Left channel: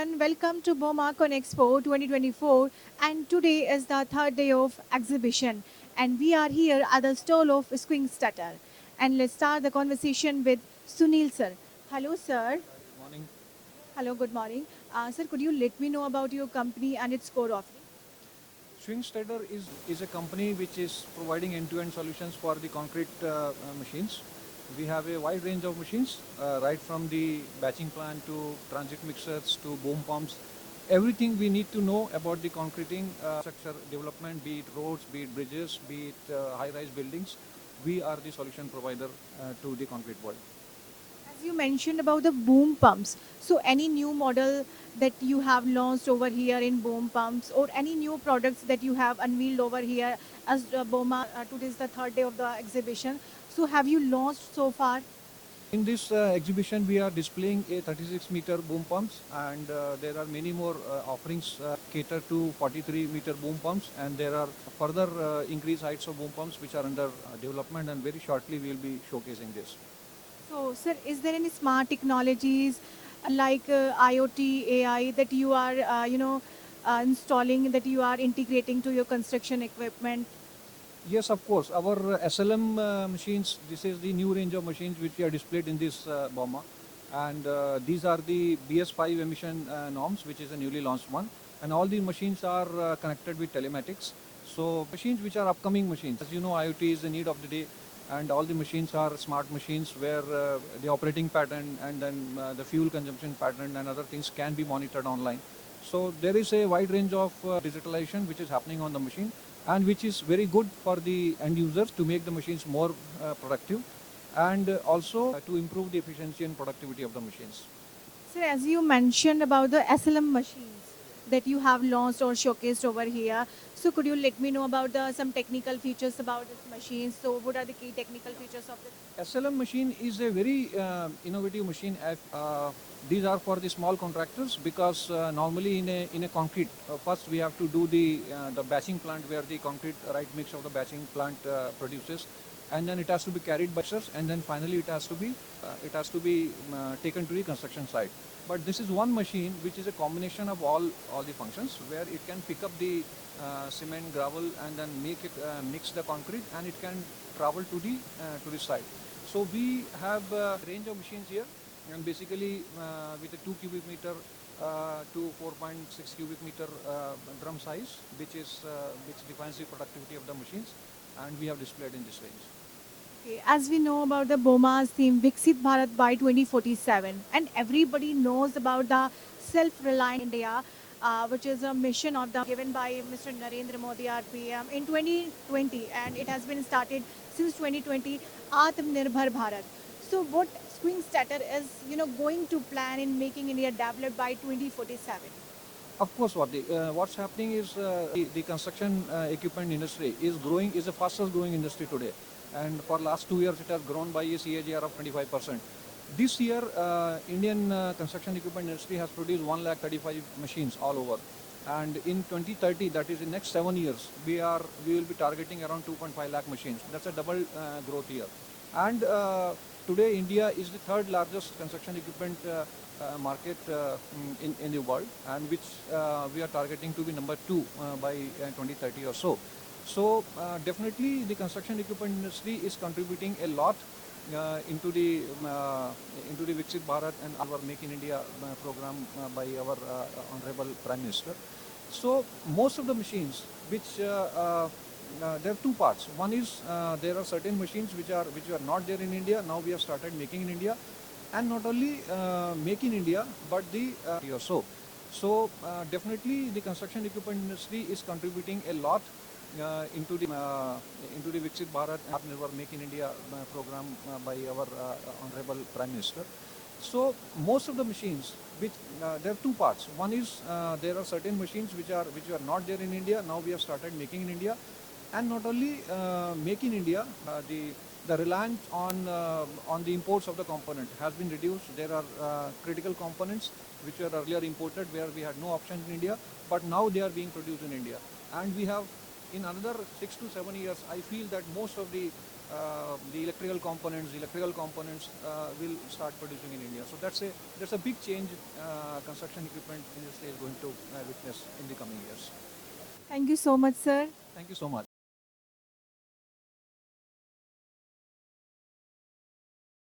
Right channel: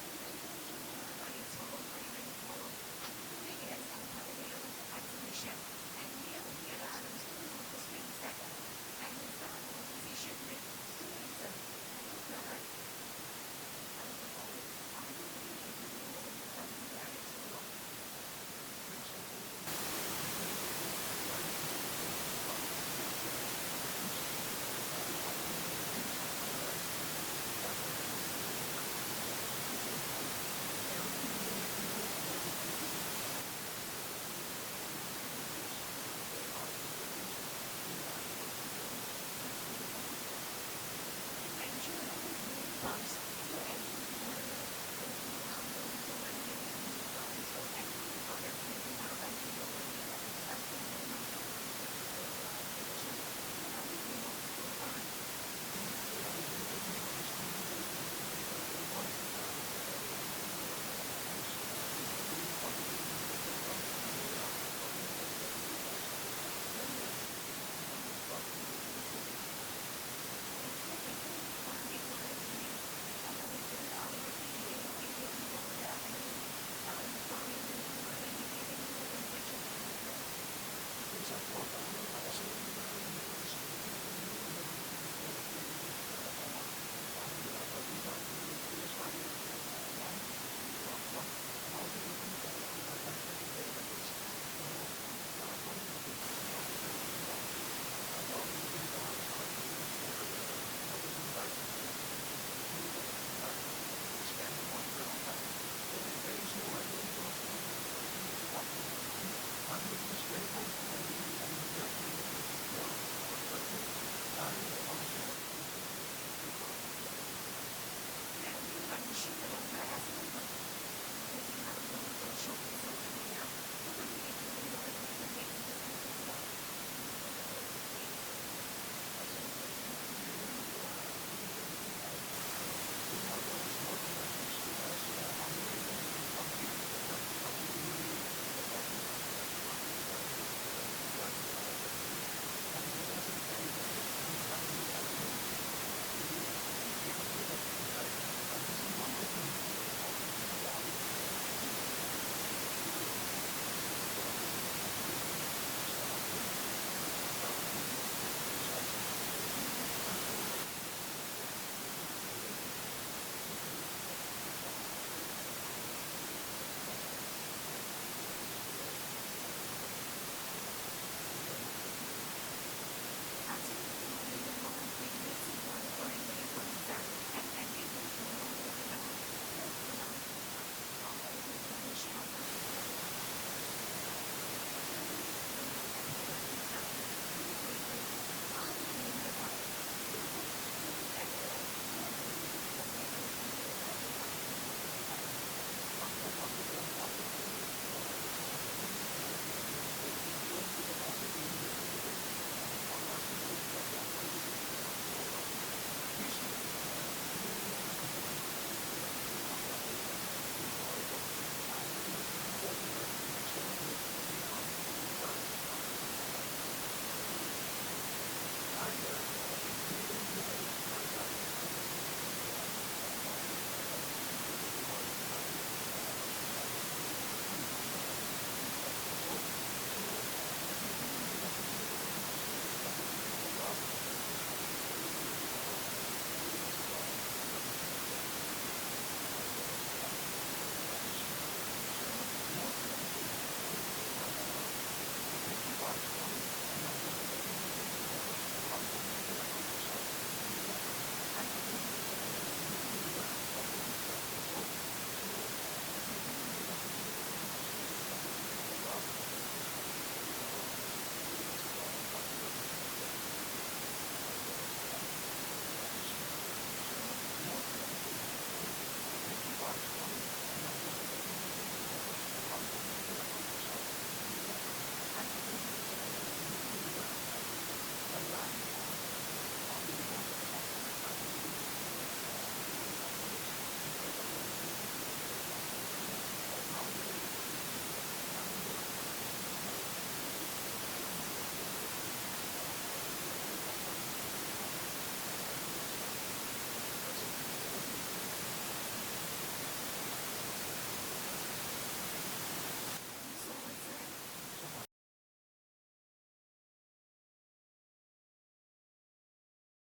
everyone, welcome to BOMA Conexpo 2024 and today is the third day of exhibition and we are here at the stall of SCHWING Stetter and let's start the conversation with Sunil sir. Hello sir. Morning. Hello, good morning. Sir, could you let me know about your company and its core offer? SCHWING Stetter is a company which is providing end-to-end solutions for the concrete machines. We have a wide range of machines, right from the batching plant to transit mixers to boom pumps. Everything we need to know about the concreting sector development, be it roads, be it bridges, be it high-rise buildings. We are the solution provider to the concrete world. As you mentioned about the boom pumps, so any new model that you have launched over here in boom pumps or any new products that you have unveiled over here as the BOMA, today is the third day of the exhibition. So have you launched so far? In this exhibition, we are displaying a 36-meter boom pumps, and there are many more offerings cater to 43-meter boom pumps, and there are further increased heights of boom pumps which are under development, and very shortly we will be showcasing this. So, sir, is there any smart technologies like IoT, AI that you are, installing, that you are integrating to your construction equipment? Yes, of course. Our SLM machines, this is the new range of machines which we are displayed in this BOMA. And these are the BS5 emission norms, which is a newly launched one. And all the machines are connected with telematics. So machines which are upcoming machines. As you know, IoT is the need of the day. And all the machines are smart machines where the operating pattern and then the fuel consumption pattern and other things can be monitored online. So there is a wide range of digitalization which is happening on the machine and which is very good for the end users to make the machines more productive and also to improve the efficiency and productivity of the machines. Sir, as you mentioned about the SLM machine that you have launched or showcased over here, so could you let me know about some technical features about this machine? So, what are the key technical features of it? SLM machine is a very innovative machine. These are for the small contractors because normally in a concrete, first we have to do the batching plant where the concrete right mix of the batching plant produces, and then it has to be carried by us, and then finally it has to be taken to the construction site. But this is one machine which is a combination of all the functions where it can pick up the cement, gravel, and then mix the concrete, and it can travel to the site. So we have a range of machines here, and basically with a 2 cubic meter to 4.6 cubic meter drum size, which defines the productivity of the machine, and we have displayed in this range. Okay, as we know about the BOMA's theme, Viksit Bharat by 2047, and everybody knows about the self-reliant India, which is a mission of the given by Mr. Narendra Modi, our PM, in 2020, and it has been started since 2020, Atmanirbhar Bharat. So, what Swing Statter is, going to plan in making India developed by 2047? Of course, what's happening is the construction equipment industry is a faster growing industry today. And for last 2 years, it has grown by a CAGR of 25%. This year, Indian construction equipment industry has produced 135 machines all over. And in 2030, that is the next 7 years, we will be targeting around 2.5 lakh machines. That's a double growth year. And today, India is the third largest construction equipment market in the world, and which we are targeting to be number two by 2030 or so. So definitely, the construction equipment industry is contributing a lot into the Viksit Bharat and our Make in India program by our Honorable Prime Minister. So most of the machines, which there are two parts. One is there are certain machines which are not there in India. Now we have started making in India, and not only make in India, but the so. So definitely the construction equipment industry is contributing a lot into the Viksit Bharat Atmanirbhar Make in India program by our Honorable Prime Minister. So most of the machines, which there are two parts. One is there are certain machines which are not there in India. Now we have started making in India, and not only make in India, the reliance on the imports of the components has been reduced. There are critical components which were earlier imported where we had no options in India, but now they are being produced in India, and we have in another 6 to 7 years, I feel that most of the electrical components will start producing in India. So that's a big change construction equipment industry is going to witness in the coming years. Thank you so much, sir. Thank you so much.